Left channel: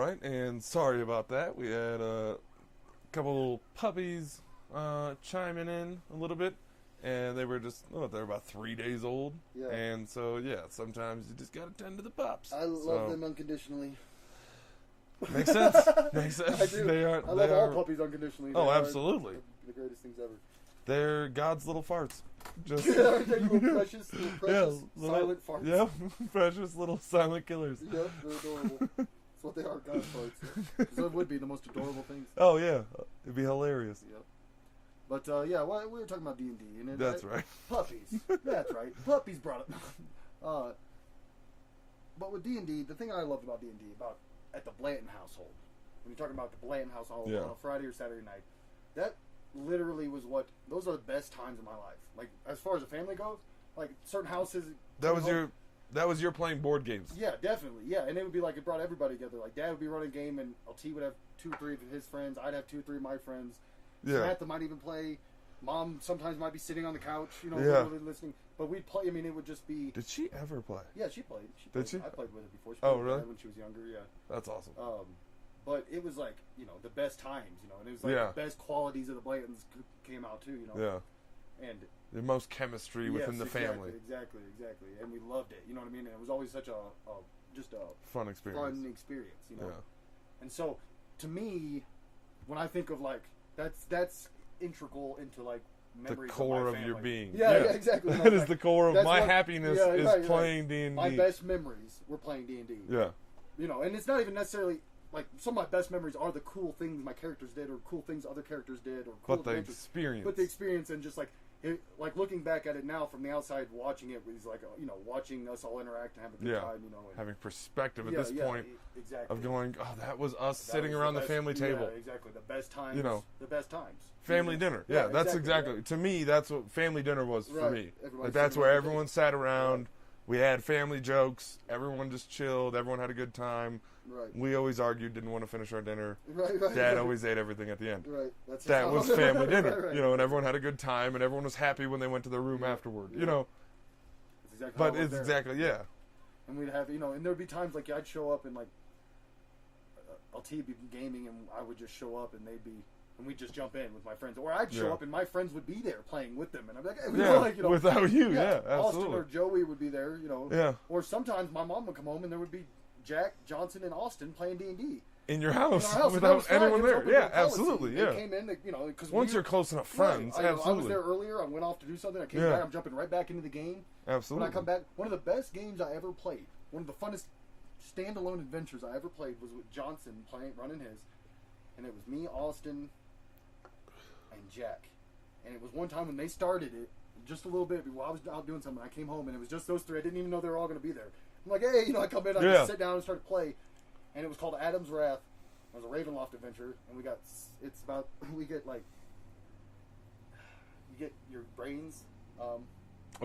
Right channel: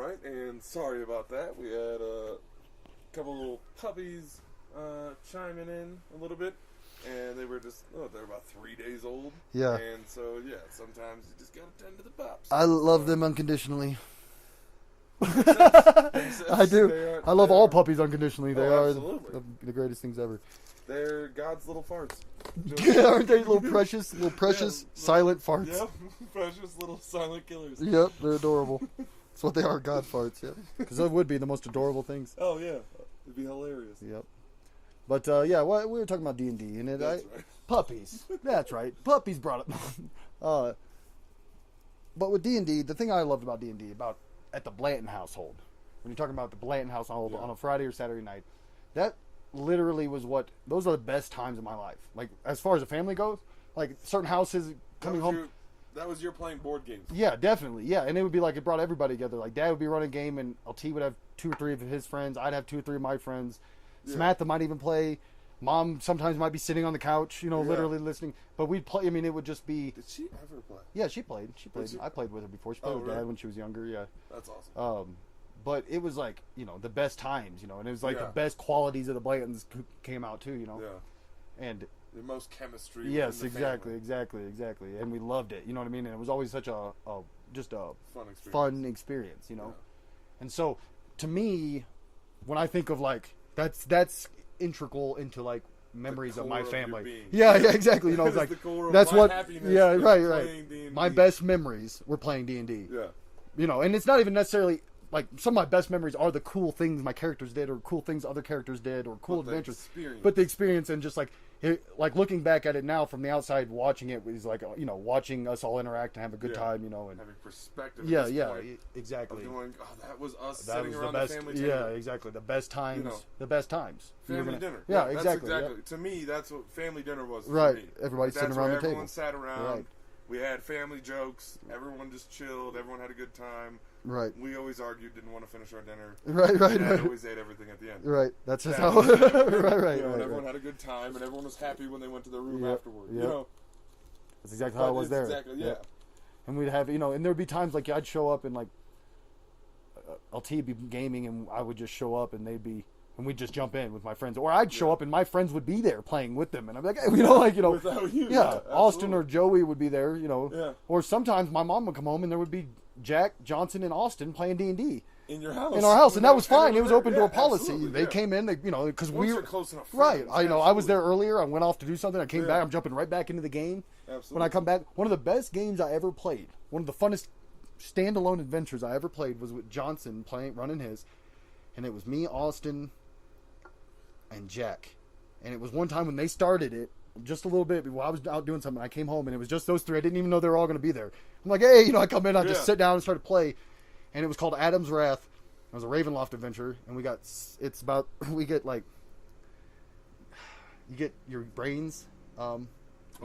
right, and sorry about that. We had a couple puppies chiming in a little bit, and they were they're about 3 days old. Yeah. And so, yeah, sometimes you just gotta tend to the pups. I love them unconditionally. Makes sense. Makes sense. I do. I love all puppies unconditionally. They are absolutely. the greatest things ever. They're God's little farts. Aren't they little precious, silent farts? Yep, precious little silent killers. Yep, they're adorable. That's what they are, God farts. Yeah, because that would be the most adorable things. Oh yeah, it'd be hilarious. Yep. But we were talking about D&D, and that's right. Puppies. That's right. Puppies brought up. But with D&D, the thing I loved about D&D at the Blanton household, when you're talking about the Blanton household on a Friday or Saturday night, that literally was those are the best times of my life. Like, as far as the family goes, like certain houses. That was your playing board games. Yeah, definitely. Yeah, and it would be like it brought everybody together. Like, Dad would be running a game, and LT would have 2 or 3 of his friends. I'd have 2 or 3 of my friends. Yeah. Samantha might even play. Mom sometimes might be sitting on the couch, literally listening. But we'd play. I mean, it would just be. Did she ever play? Yeah, she played. Did she? I played with her before. She played with Dad when she was younger. Yeah, that's awesome. But it was like, the best times, and it was like the best qualities of the Blantons came out too, Yeah. And the most chemistry within the family. Exactly. And we loved it, you know what I mean? And it was always such a fun experience, Yeah. And so, to me, when I think of like that's integral into like memories of my family. Your being. Yeah, exactly. That is the core of my happiness. Yeah, is playing D&D. My best memories were playing D&D. Yeah. And it's not even necessarily like some of my best memories are the cool things my characters did, or cool things other characters did, or cool adventures. But the experience, and just like looking back at it now from the outside, watching it was like watching us all interact and have a good time, and having perspective at this point. Exactly. Of going, that was us sitting around the family table. Yeah, exactly. The best times. The best times. Family dinner. Yeah, that's exactly. Yeah. To me, that's what family dinner was for right. me. Everybody. That's where everyone sat around. Right. We had family jokes. Everyone just chilled. Everyone had a good time. Right. We always argued, didn't want to finish our dinner. Right. Dad always ate everything at the end. Right. That's just that how was family dinner. Right. And everyone had a good time, and everyone was happy when they went to their room afterward. That's exactly how it was there. Exactly. And we'd have and there'd be times like I'd show up and like LT would be gaming, and I would just show up, and we'd just jump in with my friends, or I'd show up and my friends would be there playing with them, and I'd be like, hey, without you, Austin or Joey would be there, yeah. Or sometimes my mom would come home and there would be Jack, Johnson, and Austin playing D&D in your house. In our house, and that was fine. It was open door policy. Absolutely, they came in, because once you're close enough friends, right? I was there earlier. I went off to do something. I came back. I'm jumping right back into the game. Absolutely. When I come back, one of the best games I ever played, one of the funnest standalone adventures I ever played, was with Johnson running his, and it was me, Austin, and Jack. And it was one time when they started it, just a little bit while I was out doing something. I came home and it was just those 3. I didn't even know they were all going to be there. I'm like, hey, I come in, I just sit down and start to play, and it was called Adam's Wrath. It was a Ravenloft adventure, and we get like, you get your brains.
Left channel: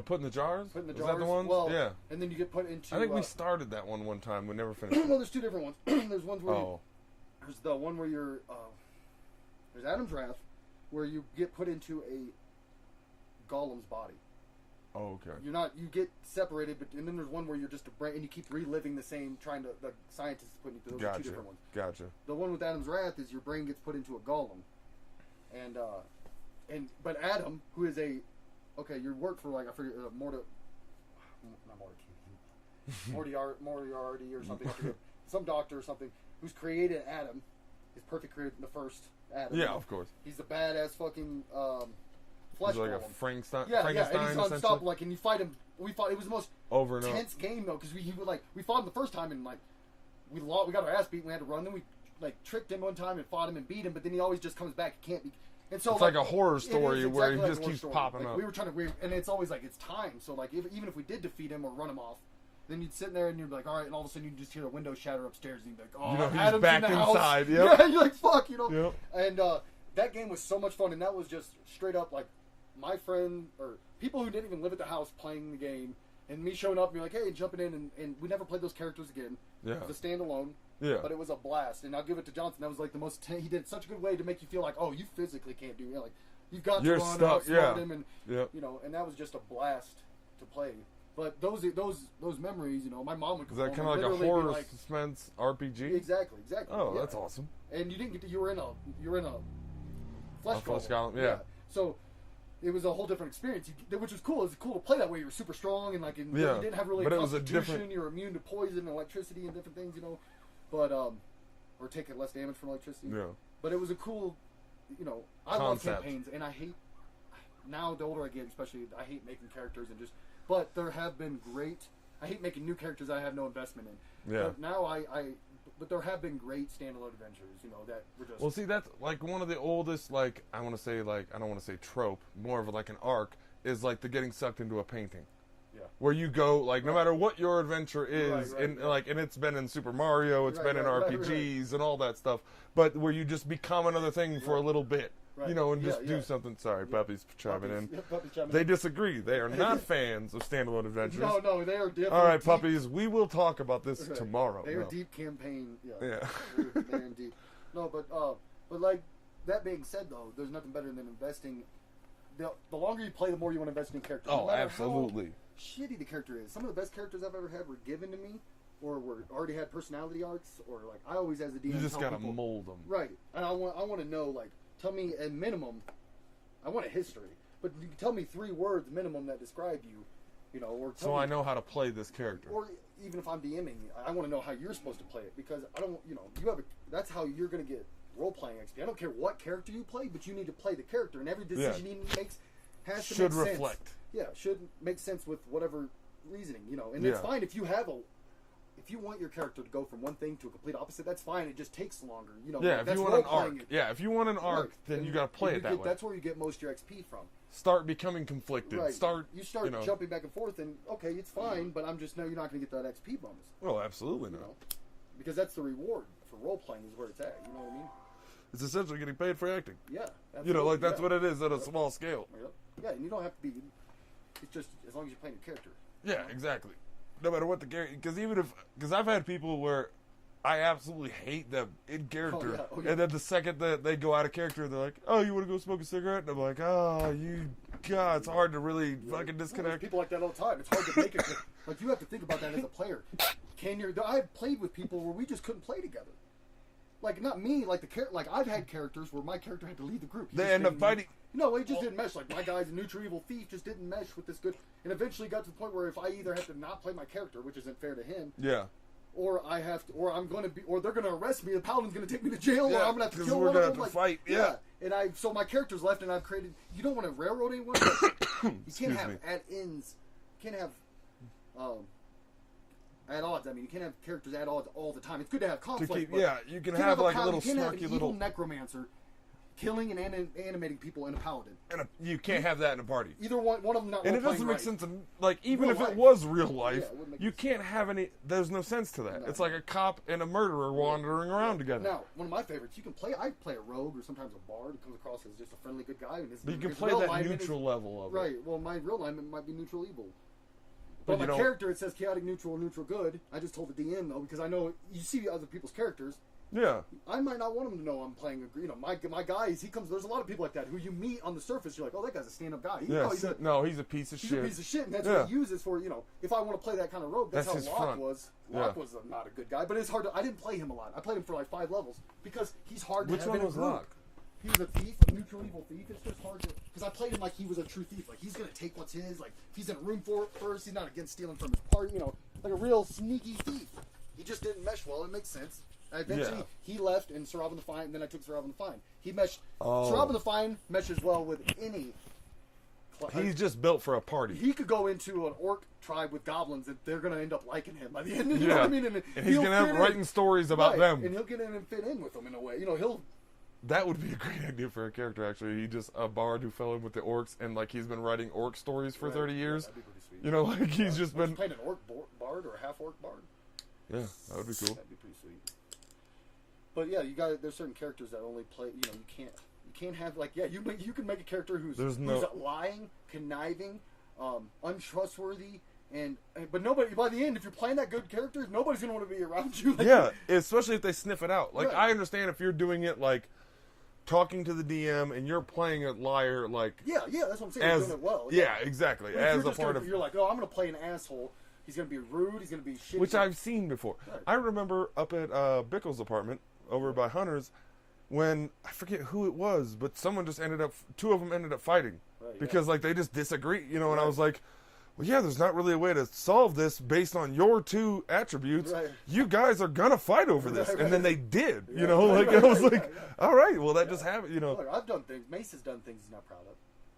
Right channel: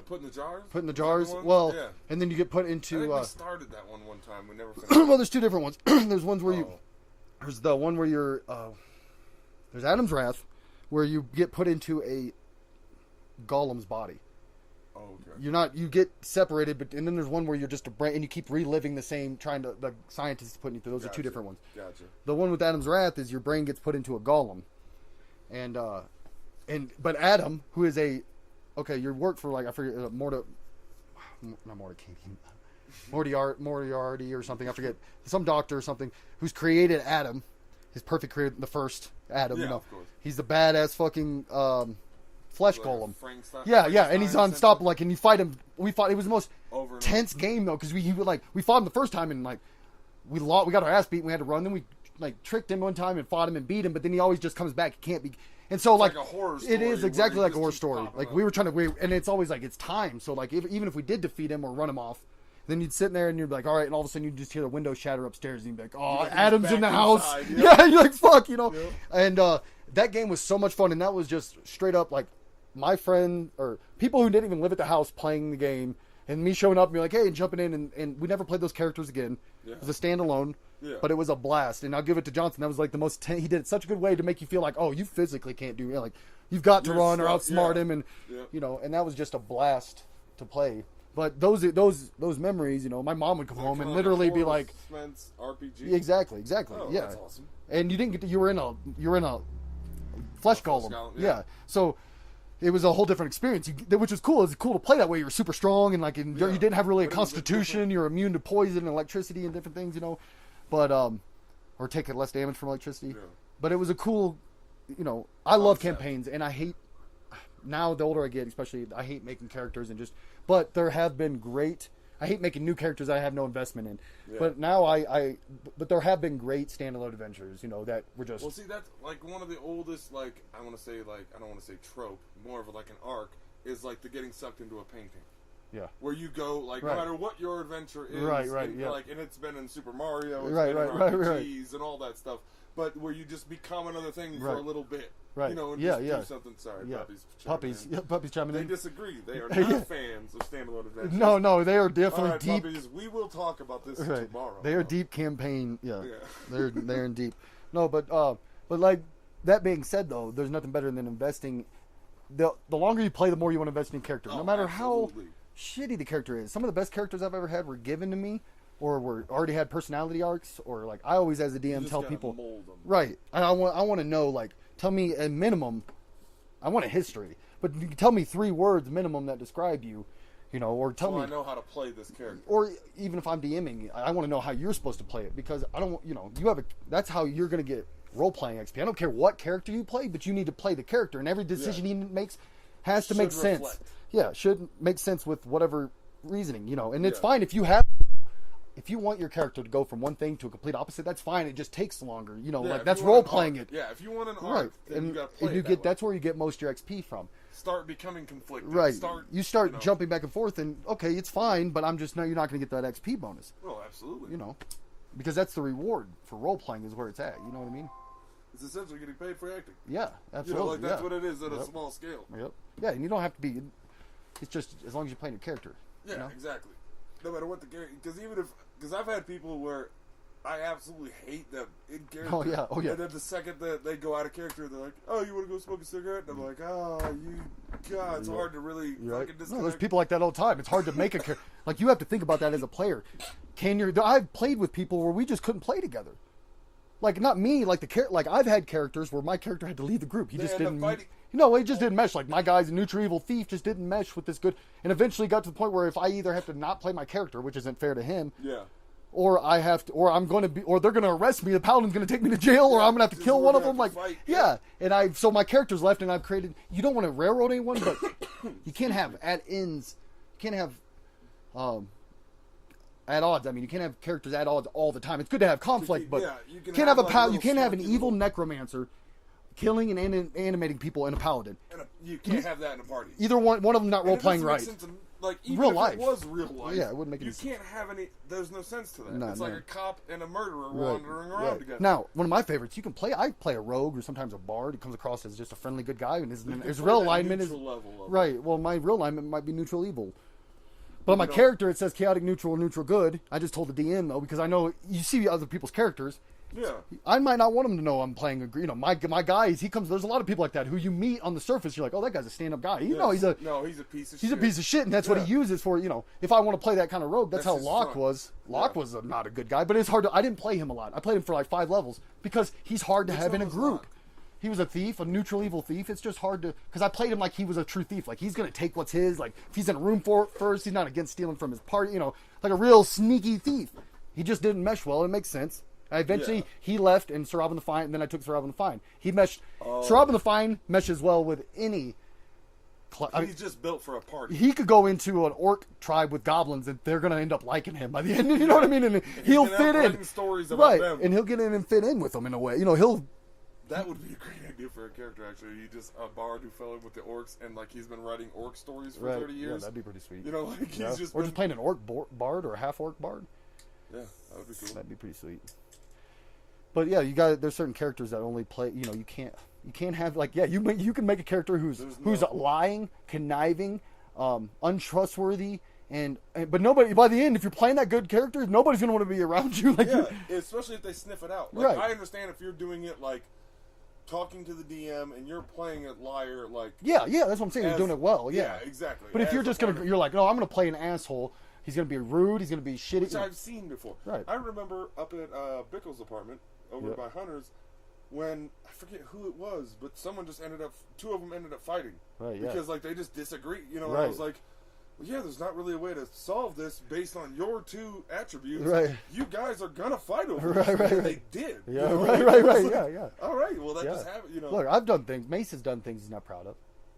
Put in the jars? Put in the jars. Well, and then you get put into. I think we started that one time. We never finished. Well, there's 2 different ones. There's ones where there's the one where you're. There's Adam's Wrath, where you get put into a golem's body. Oh, okay. You get separated, and then there's one where you're just a brain, and you keep reliving the scientists putting you through. Those are 2 different ones. Gotcha. The one with Adam's Wrath is your brain gets put into a golem, but Adam, who is you work for like I forget Moriarty or something, I forget, some doctor or something who's created Adam, his perfect created the first Adam. Yeah, of course. He's the badass fucking flesh like golem. Yeah, and he's unstoppable. Like, and you fight him. We fought. It was the most tense game though, because we fought him the first time, and like we got our ass beat. And we had to run. Then we like tricked him one time and fought him and beat him. But then he always just comes back. He can't be. And so it's like a horror story. It is exactly like a horror story. Like up. we were trying to, and it's always like it's time. So like even if we did defeat him or run him off, then you'd sit there and you'd be like, all right, and all of a sudden you just hear the window shatter upstairs, and you'd be like, oh, Adam's in the house. Yeah, you're like, fuck, Yep. And that game was so much fun, and that was just straight up like my friend or people who didn't even live at the house playing the game, and me showing up and be like, hey, and jumping in, and we never played those characters again. Yeah. It was a standalone. Yeah. But it was a blast, and I'll give it to Johnson. That was like the most. He did it such a good way to make you feel like, oh, you physically can't do it. Like you've got to run or outsmart him, and and that was just a blast to play. But those memories, you know, my mom would come home and like literally a be horror like, suspense RPG. yeah, exactly. Oh, yeah, that's awesome. And you didn't get to, you were in a flesh golem. Yeah. So it was a whole different experience, which was cool. It was cool to play that way. You were super strong and like you didn't have really a constitution. You're immune to poison and electricity and different things, you know. But or take less damage from electricity. Yeah. But it was a cool, you know. I love campaigns, and I hate now. The older I get, especially, I hate making characters and just. But there have been great. I hate making new characters I have no investment in. Yeah. But now but there have been great standalone adventures, you know, that were just. Well, see, that's like one of the oldest, like, I want to say, like, I don't want to say trope, more of like an arc, is like the getting sucked into a painting. Yeah. Where you go, like, no matter what your adventure is, and it's been in Super Mario, it's been in RPGs and all that stuff, but where you just become another thing for a little bit. Right. You know, and just do something. Sorry, puppies chiming in. Yeah, puppies chiming in. They disagree. They are not fans of standalone adventures. No, they are definitely. All right, deep... puppies, we will talk about this tomorrow. They are deep campaign. Yeah. They're in deep. No, but like that being said, though, there's nothing better than investing. The longer you play, the more you want to invest in characters. No matter how shitty the character is. Some of the best characters I've ever had were given to me, or were already had personality arcs, or like I always, as a DM, tell people, mold them. Right, and I want to know, like, tell me a minimum. I want a history, but you can tell me 3 words minimum that describe you, you know, or tell me. So I know how to play this character. Or even if I'm DMing, I want to know how you're supposed to play it, because I don't, you know, that's how you're going to get role playing XP. I don't care what character you play, but you need to play the character, and every decision he makes has to make sense. Yeah, should make sense with whatever reasoning, you know. And it's fine if you want your character to go from one thing to a complete opposite, that's fine. It just takes longer, you know. Like, that's role playing it. Yeah, if you want an arc, then you got to play it that way. That's where you get most of your XP from. Start becoming conflicted. Right. You start jumping back and forth, and okay, it's fine, but I'm just you're not going to get that XP bonus. Oh, absolutely. You know, because that's the reward for role playing, is where it's at. You know what I mean? It's essentially getting paid for acting. Yeah, absolutely. You know, like that's what it is at a small scale. Yep. Yeah, and you don't have to be. It's just as long as you're playing your character. Yeah, you know? Exactly. No matter what the character, because I've had people where I absolutely hate them in character. Oh yeah. And then the second that they go out of character, they're like, "Oh, you want to go smoke a cigarette?" And I'm like, "Oh, God, it's hard to really fucking disconnect." No, there's people like that all the time. It's hard to make like you have to think about that as a player. I've played with people where we just couldn't play together. Like, not me, like like I've had characters where my character had to leave the group. They end up fighting. No, it just didn't mesh. Like, my guy's a neutral evil thief just didn't mesh with this good. And eventually got to the point where if I either have to not play my character, which isn't fair to him, or I have to, or I'm going to be, or they're going to arrest me. The paladin's going to take me to jail, or I'm going to have to kill one of them. Like, fight. And so my character's left, and I've created. You don't want to railroad anyone, but you can't have at-ins. You can't have at odds. I mean, you can't have characters at odds all the time. It's good to have conflict, but you can't have a paladin. You can't have an evil necromancer killing and animating people in a paladin. And you can't have that in a party. Either one of them not role playing right. Sense in, like, even if it was real life, it wouldn't make you can't have any. There's no sense to that. It's like a cop and a murderer wandering around together. Now, one of my favorites, you can play. I play a rogue or sometimes a bard who comes across as just a friendly good guy, and his real alignment is level right. Well, my real alignment might be neutral evil. But on my character, it says chaotic neutral, neutral good. I just told the DM, though, because I know you see other people's characters. Yeah. I might not want him to know I'm playing my guys, there's a lot of people like that who you meet on the surface, you're like, oh, that guy's a stand-up guy. He's a piece of shit. He's a piece of shit, and that's what he uses for, if I want to play that kind of rogue, that's how Locke was. Locke was not a good guy, but it's hard I didn't play him a lot. I played him for like 5 levels because he's hard to have in a group. Locke? He was a thief, a neutral evil thief. It's just hard to, because I played him like he was a true thief. Like, he's going to take what's his. Like, if he's in a room first, he's not against stealing from his party. Like a real sneaky thief. He just didn't mesh well. It makes sense. Eventually, he left, and Sir Robin the Fine, and then I took Sir Robin the Fine. He meshed. Sir Robin the Fine meshes well with any. He's just built for a party. He could go into an orc tribe with goblins, and they're going to end up liking him by the end. You know what I mean? And he'll fit in. Writing stories about them, and he'll get in and fit in with them in a way. That would be a great idea for a character, actually. He just a bard who fell in with the orcs, and like he's been writing orc stories for 30 years. Yeah, that'd be pretty sweet. Like he's just been playing an orc bard or a half orc bard. Yeah, that would be cool. That'd be pretty sweet. But yeah, there's certain characters that only play. You can't have you can make a character who's lying, conniving, untrustworthy. But nobody, by the end, if you're playing that good character, nobody's gonna want to be around you. Especially if they sniff it out. Like, I understand if you're doing it like talking to the DM and you're playing a liar like yeah, that's what I'm saying. You're doing it well. Yeah, exactly. But if you're just you're like, oh, I'm gonna play an asshole. He's gonna be rude. He's gonna be shitty. Which I've seen before. Right. I remember up at Bickle's apartment over by Hunter's when I forget who it was, but someone just two of them ended up fighting because like they just disagree, you know. And I was like, well, yeah, there's not really a way to solve this based on your two attributes. Right. You guys are gonna fight over this, and then they did. Yeah. You know, all right, well, that just happened. You know, look, I've done things. Mace has done things he's not proud of.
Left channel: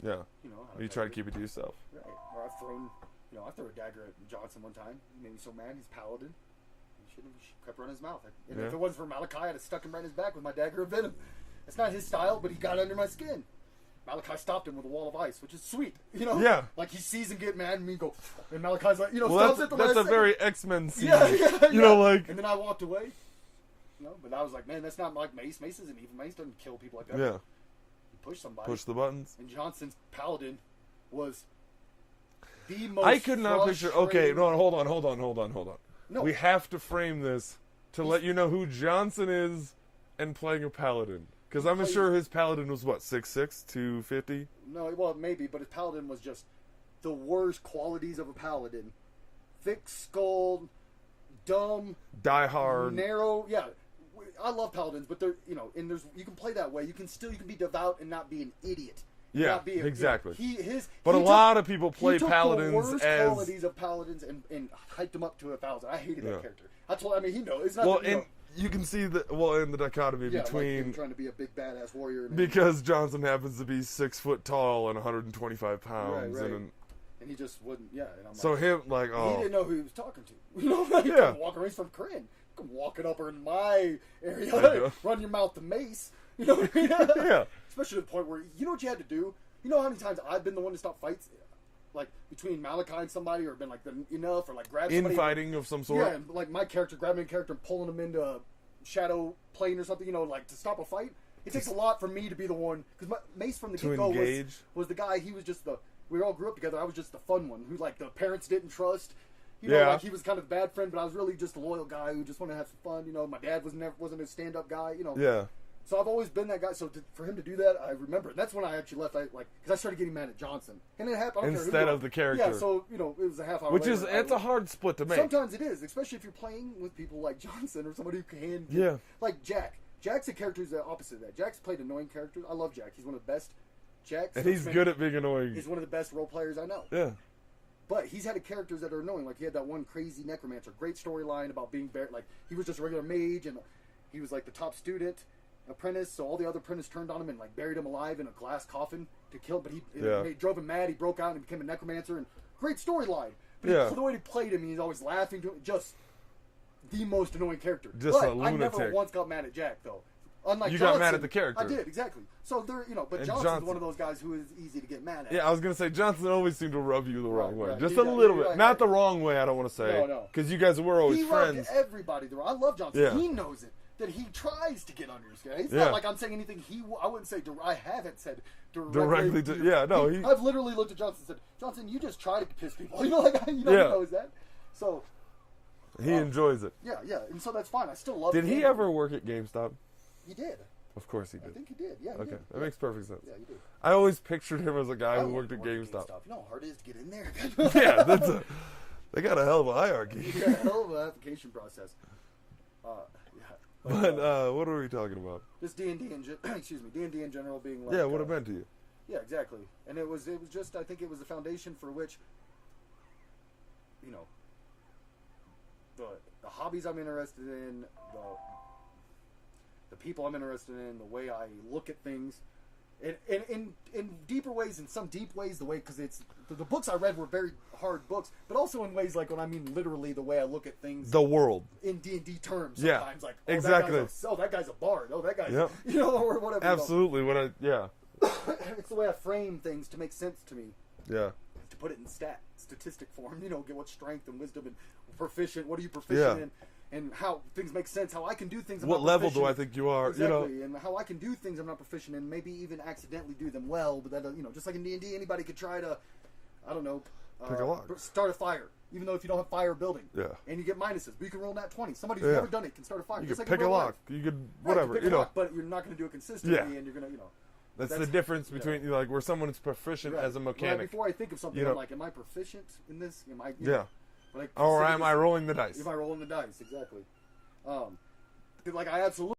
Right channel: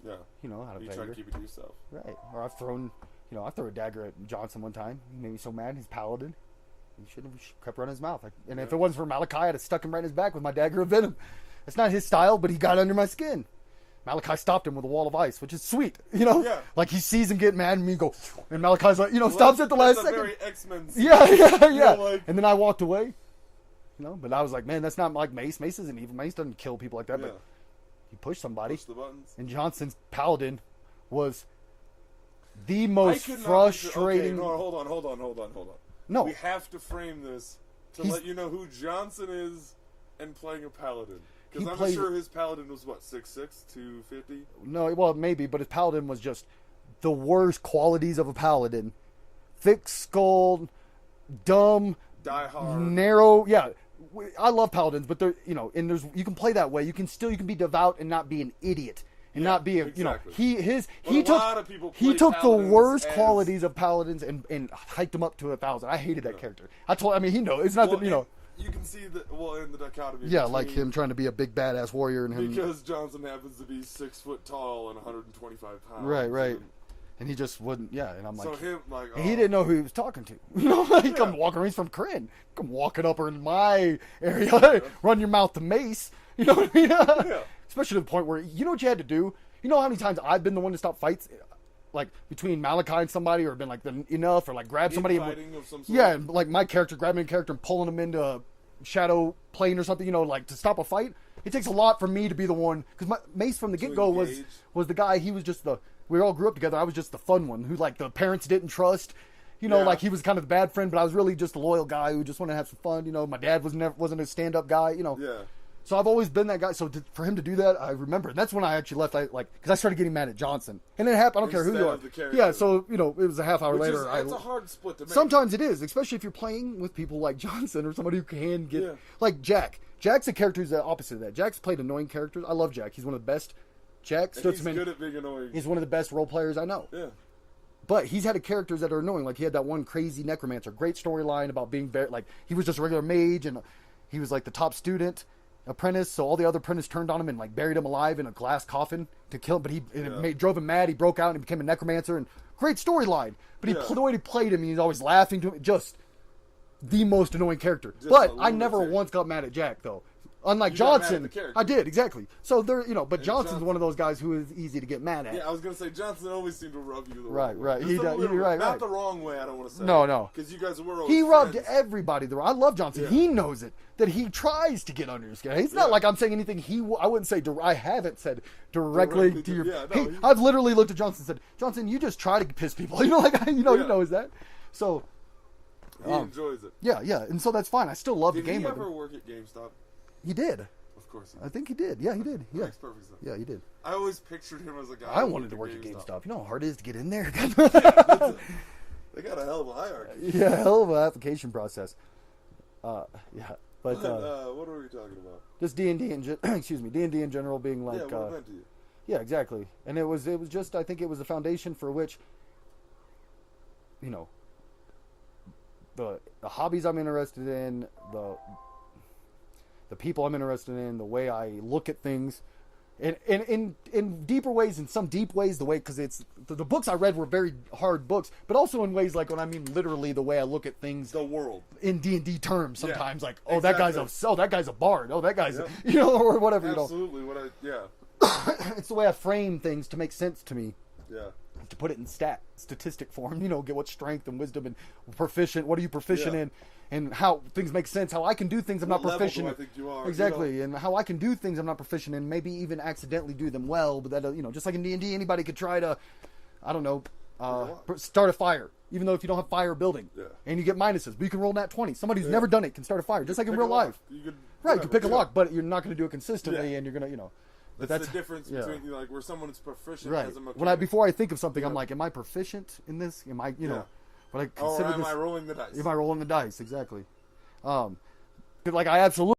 Yeah. You know how to. You try to keep it to yourself. Right. Or I've thrown, I threw a dagger at Johnson one time. He made me so mad. He's paladin. He should have kept running his mouth. And if it wasn't for Malachi, I'd have stuck him right in his back with my dagger of venom. It's not his style, but he got under my skin. Malachi stopped him with a wall of ice, which is sweet, Yeah. Like he sees him get mad, and me go, and Malachi's like, stops at the last second. That's a very X-Men scene. Yeah. And then I walked away. But I was like, man, that's not like Mace. Mace isn't evil. Mace doesn't kill people like that. Yeah. He pushed somebody. Push the buttons. And Johnson's paladin was the most frustrating. Okay, no, hold on. No. We have to frame this to let you know who Johnson is and playing a paladin. Because I'm sure his paladin was, 6'6", 250? No, well, maybe, but his paladin was just the worst qualities of a paladin. Thick-skulled, dumb. Die hard. Narrow, yeah. I love paladins, but they're, and you can play that way. You can be devout and not be an idiot. Not be exactly. But a lot of people play paladins. He took the worst qualities of paladins and hiked them up to 1,000. I hated that character. He knows. It's not you can see in the dichotomy. Yeah, like him trying to be a big badass warrior. And because Johnson happens to be 6 foot tall and 125 pounds. Right. And he just wouldn't, and I'm like... So him, he didn't know who he was talking to. He come walking, he's from Corinne. Come walking up in my area, run your mouth to Mace. You know what I mean? Yeah. Especially to the point where, you know what you had to do? You know how many times I've been the one to stop fights? Like, between Malachi and somebody, or been like, enough, or like grab somebody. Infighting of some sort. Yeah, and like my character, grabbing a character and pulling him into a shadow plane or something, like to stop a fight. It takes a lot for me to be the one, because Mace from the get-go was the guy, he was just we all grew up together, I was just the fun one, who like the parents didn't trust. Like he was kind of the bad friend, but I was really just a loyal guy who just wanted to have some fun. My dad wasn't a stand-up guy, Yeah. So I've always been that guy. So for him to do that, I remember. And that's when I actually left. Because I started getting mad at Johnson, and it happened. I don't care who. Instead of the character. Yeah. So it was a half hour later. It's a hard split to make. Sometimes it is, especially if you're playing with people like Johnson or somebody who can get like Jack. Jack's a character who's the opposite of that. Jack's played annoying characters. I love Jack. He's one of the best. Jack. And he's good at being annoying. He's one of the best role players I know. Yeah. But he's had characters that are annoying. Like he had that one crazy necromancer. Great storyline about being very he was just a regular mage, and he was like the top student. Apprentice, so all the other apprentices turned on him and buried him alive in a glass coffin to kill him. But it drove him mad. He broke out and became a necromancer. And great storyline. But the way he played him, he's always laughing to him. Just the most annoying character. But I never once got mad at Jack though. Unlike Johnson, got mad at the character. I did exactly. So there, but Johnson's one of those guys who is easy to get mad at. Yeah, I was gonna say Johnson always seemed to rub you the wrong way. Right. Just a little bit. Not the wrong way. I don't want to say. No. Because you guys were always He friends. rubbed everybody the wrong. I love Johnson. Yeah. He knows it. That he tries to get under his skin. It's not like I'm saying anything. I wouldn't say. I haven't said directly to you. I've literally looked at Johnson and said, "Johnson, you just try to piss people." He knows that. So he enjoys it. Yeah, and so that's fine. I still love. Did he ever work at GameStop? He did. Of course he did. I think he did. Yeah, he did. That makes perfect sense. Yeah, he did. I always pictured him as a guy who worked at GameStop. You know how hard it is to get in there? They got a hell of a hierarchy. Yeah, hell of an application process. But what are we talking about? Just D&D D&D in general being like... Yeah, what it meant to you. Yeah, exactly. And it was just, I think it was a foundation for which, the hobbies I'm interested in, the people I'm interested in, the way I look at things, in deeper ways, in some deep ways, the way, because it's the books I read were very hard books, but also in ways like when I mean literally the way I look at things, the world in D&D terms. Sometimes exactly. that guy's a bard. Oh, that guy's or whatever. Absolutely. It's the way I frame things to make sense to me. Yeah. To put it in statistic form, get what strength and wisdom and proficient. What are you proficient in? And how things make sense, how I can do things I'm not proficient in. What level do I think you are? Exactly, and how I can do things I'm not proficient in, maybe even accidentally do them well, but that, just like in D&D, anybody could try to, I don't know, start a fire, even though if you don't have fire building. Yeah. And you get minuses, but you can roll nat 20. Somebody who's never done it can start a fire, just like in real life. You could you pick a lock, but you're not going to do it consistently, and you're going to, That's the difference between like where someone's proficient as a mechanic. Before I think of something, I'm like, am I proficient in this? Am I, or am I rolling the dice? Am I rolling the dice? Exactly. Like I absolutely